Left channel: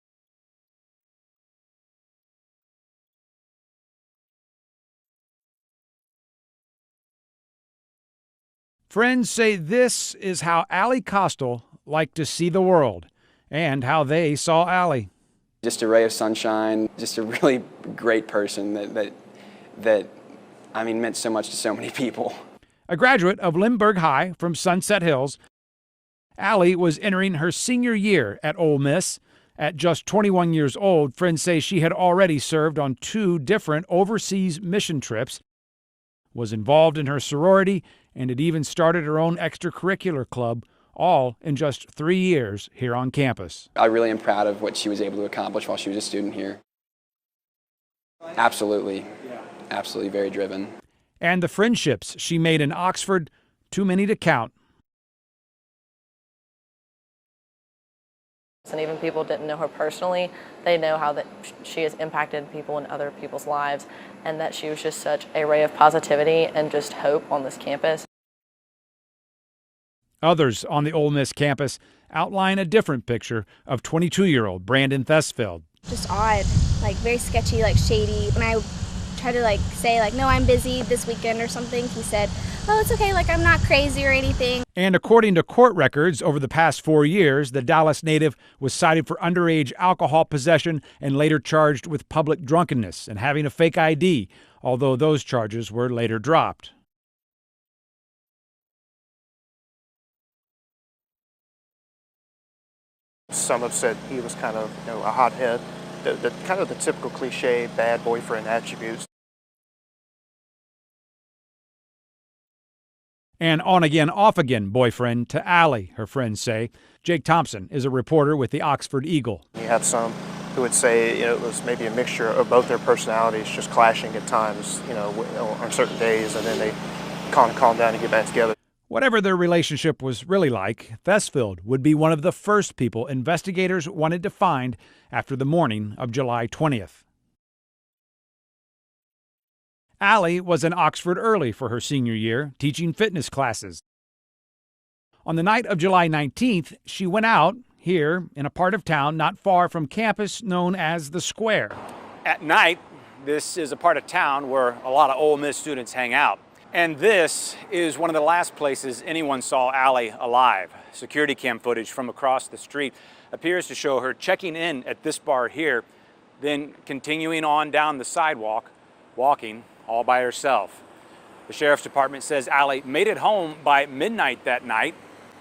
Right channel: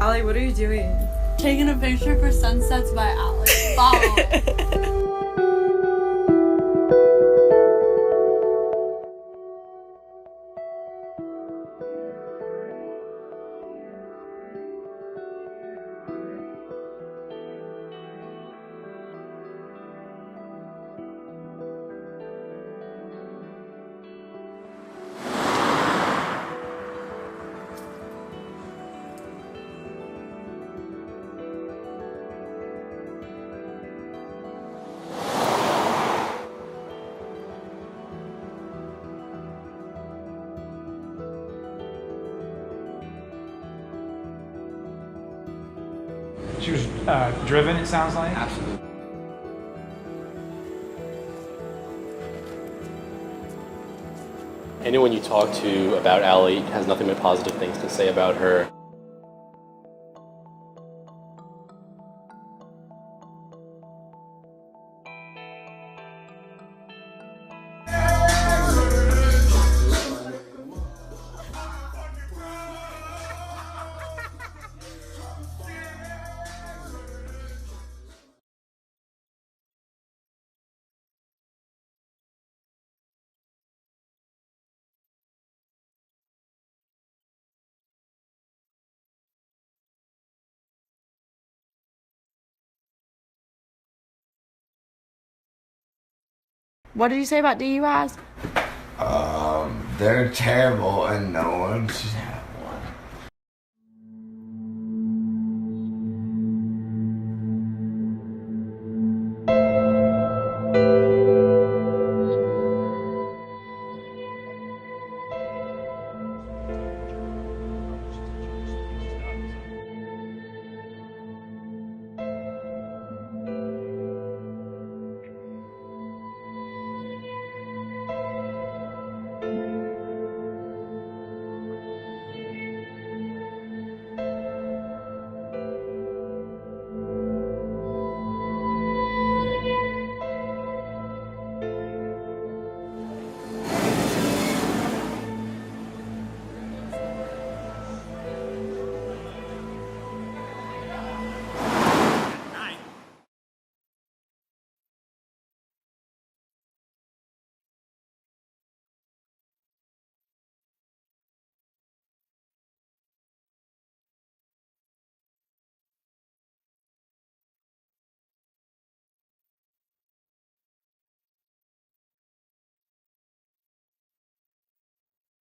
Ally, what are you doing? Taking a picture for Sunsets by Ally. Follow. Friends say this is how Ally Kostial liked to see the world, and how they saw Ally. Just a ray of sunshine, just a really great person that I mean, meant so much to so many people. A graduate of Lindbergh High from Sunset Hills, Ally was entering her senior year at Ole Miss. At just 21 years old, friends say she had already served on 2 different overseas mission trips, was involved in her sorority, and had even started her own extracurricular club, all in just 3 years here on campus. I really am proud of what she was able to accomplish while she was a student here. She was driven, it sounds like? Absolutely. Absolutely very driven. And the friendships she made in Oxford, too many to count. Anyone you talk to about Ally has nothing but positive things to say about her. And even people didn't know her personally, they know how that she has impacted people in other people's lives, and that she was just such a ray of positivity and just hope on this campus. Others on the Ole Miss campus outline a different picture of 22-year-old Brandon Theesfeld. Just odd, like very sketchy, like shady. When I tried to say no, I'm busy this weekend or something, he said, oh, it's okay, I'm not crazy or anything. And according to court records, over the past 4 years, the Dallas native was cited for underage alcohol possession and later charged with public drunkenness and having a fake ID, although those charges were later dropped. What did you say about DUIs? They're terrible and no one should have one. Some have said he was kind of, a hothead, the kind of the typical cliche bad boyfriend attributes. An on-again, off-again boyfriend to Ally, her friends say. Jake Thompson is a reporter with the Oxford Eagle. You have some who would say it was maybe a mixture of both their personalities just clashing at times, on certain days, and then they kind of calm down and get back together. Whatever their relationship was really like, Theesfeld would be one of the first people investigators wanted to find after the morning of July 20th. Ally was in Oxford early for her senior year, teaching fitness classes. On the night of July 19th, she went out here in a part of town not far from campus known as the Square. At night, this is a part of town where a lot of Ole Miss students hang out. And this is one of the last places anyone saw Ally alive. Security cam footage from across the street appears to show her checking in at this bar here, then continuing on down the sidewalk, walking all by herself. The sheriff's department says Ally made it home by midnight that night,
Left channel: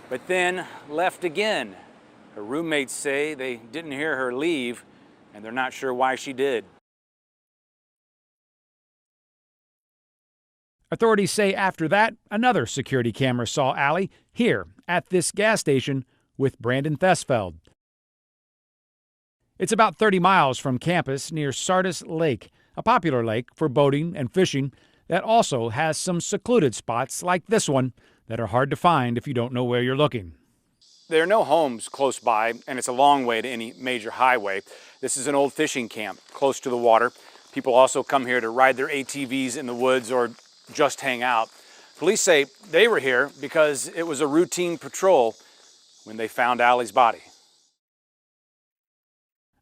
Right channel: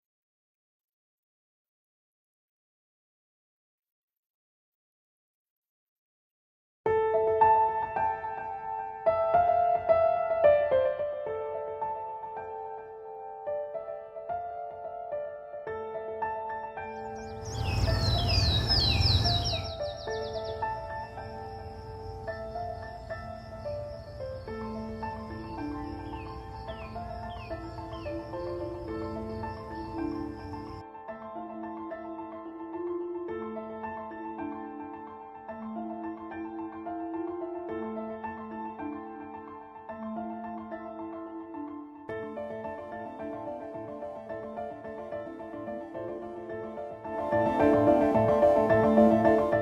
but then left again. Her roommates say they didn't hear her leave, and they're not sure why she did. Authorities say after that, another security camera saw Ally here at this gas station with Brandon Theesfeld. It's about 30 miles from campus near Sardis Lake, a popular lake for boating and fishing that also has some secluded spots like this one that are hard to find if you don't know where you're looking. There are no homes close by, and it's a long way to any major highway. This is an old fishing camp close to the water. People also come here to ride their ATVs in the woods or just hang out. Police say they were here because it was a routine patrol when they found Ally's body.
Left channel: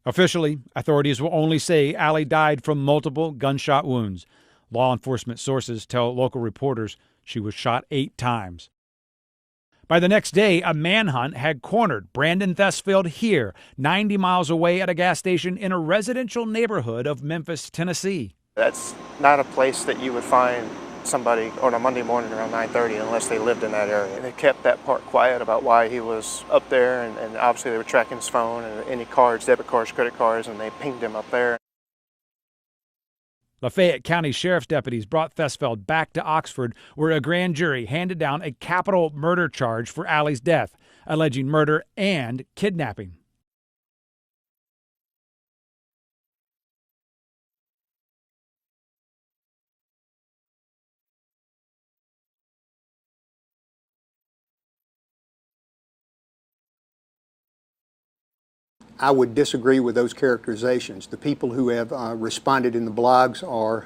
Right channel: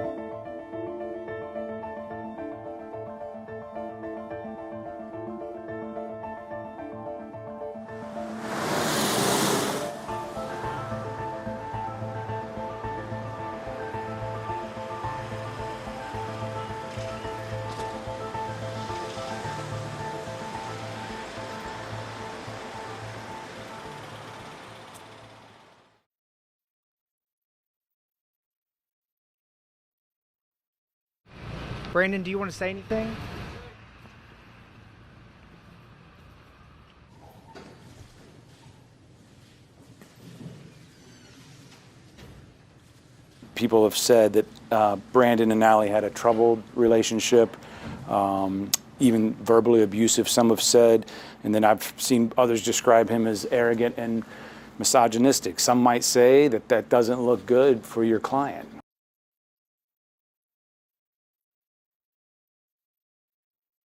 Officially, authorities will only say Ally died from multiple gunshot wounds. Law enforcement sources tell local reporters she was shot 8 times. By the next day, a manhunt had cornered Brandon Theesfeld here, 90 miles away at a gas station in a residential neighborhood of Memphis, Tennessee. That's not a place that you would find somebody on a Monday morning around 9:30 unless they lived in that area. They kept that part quiet about why he was up there, and obviously they were tracking his phone and any cards, debit cards, credit cards, and they pinged him up there. Brandon, do you want to say anything? Lafayette County Sheriff's deputies brought Theesfeld back to Oxford, where a grand jury handed down a capital murder charge for Ally's death, alleging murder and kidnapping. People have said that Brandon and Ally had a troubled relationship, even verbally abusive, some have said, and then I've seen others describe him as arrogant and misogynistic. Some might say that that doesn't look good for your client. I would disagree with those characterizations. The people who have responded in the blogs are,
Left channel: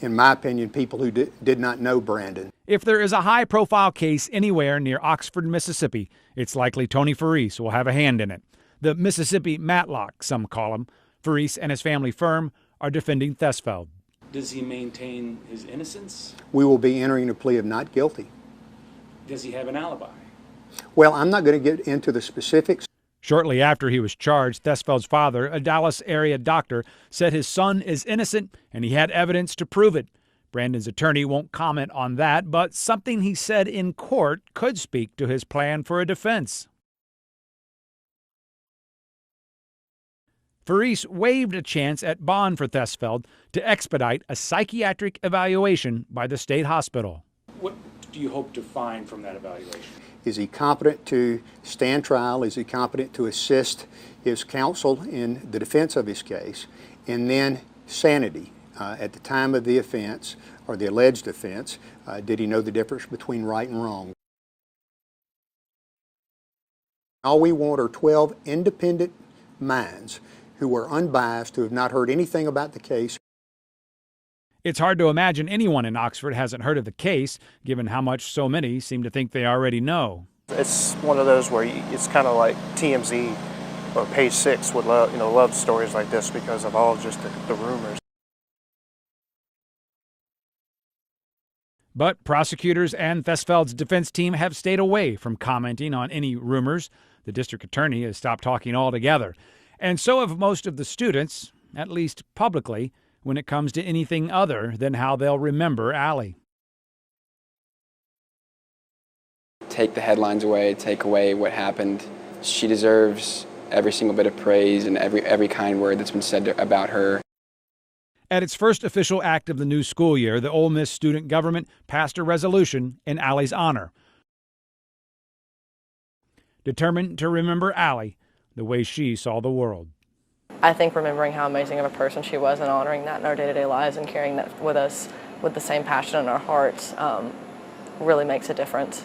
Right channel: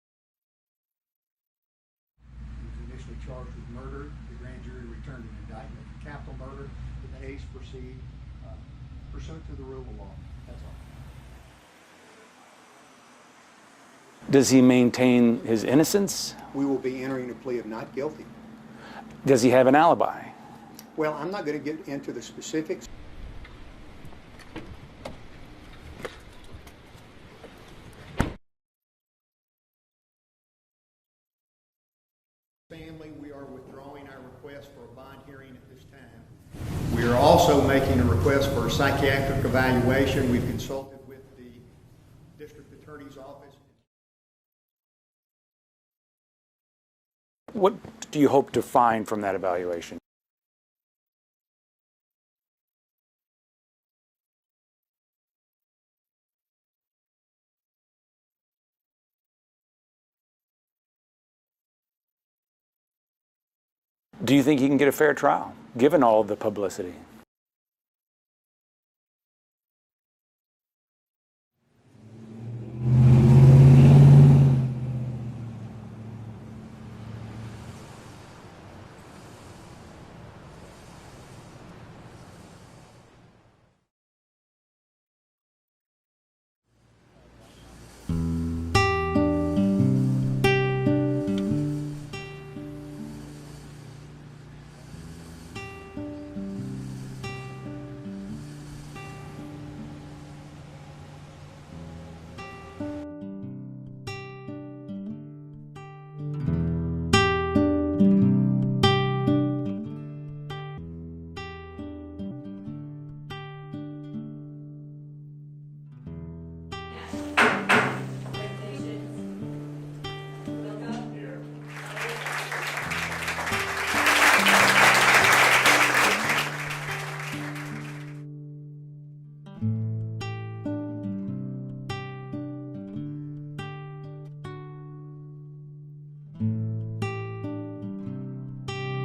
in my opinion, people who did not know Brandon. If there is a high-profile case anywhere near Oxford, Mississippi, it's likely Tony Farese will have a hand in it. The Mississippi Matlock, some call him, Fels and his family firm are defending Theesfeld. Does he maintain his innocence? We will be entering a plea of not guilty. Does he have an alibi? Well, I'm not going to get into the specifics. Shortly after he was charged, Theesfeld's father, a Dallas area doctor, said his son is innocent and he had evidence to prove it. Brandon's attorney won't comment on that, but something he said in court could speak to his plan for a defense. We are also making a request for a psychiatric evaluation. Fels waived a chance at bond for Theesfeld to expedite a psychiatric evaluation by the state hospital. What do you hope to find from that evaluation? Is he competent to stand trial? Is he competent to assist his counsel in the defense of his case? And then sanity. At the time of the offense, or the alleged offense, did he know the difference between right and wrong? Do you think he can get a fair trial, given all of the publicity? All we want are 12 independent minds who are unbiased, who have not heard anything about the case. It's hard to imagine anyone in Oxford hasn't heard of the case, given how much so many seem to think they already know. It's one of those where it's kind of like TMZ or Page 6 would love stories like this because of all just the rumors. But prosecutors and Theesfeld's defense team have stayed away from commenting on any rumors. The district attorney has stopped talking altogether. And so have most of the students, at least publicly, when it comes to anything other than how they'll remember Ally. Take the headlines away, take away what happened. She deserves every single bit of praise and every kind word that's been said about her. At its first official act of the new school year, the Ole Miss student government passed a resolution in Ally's honor, determined to remember Ally the way she saw the world. I think remembering how amazing of a person she was and honoring that in our day-to-day lives and carrying that with us with the same passion in our hearts really makes a difference.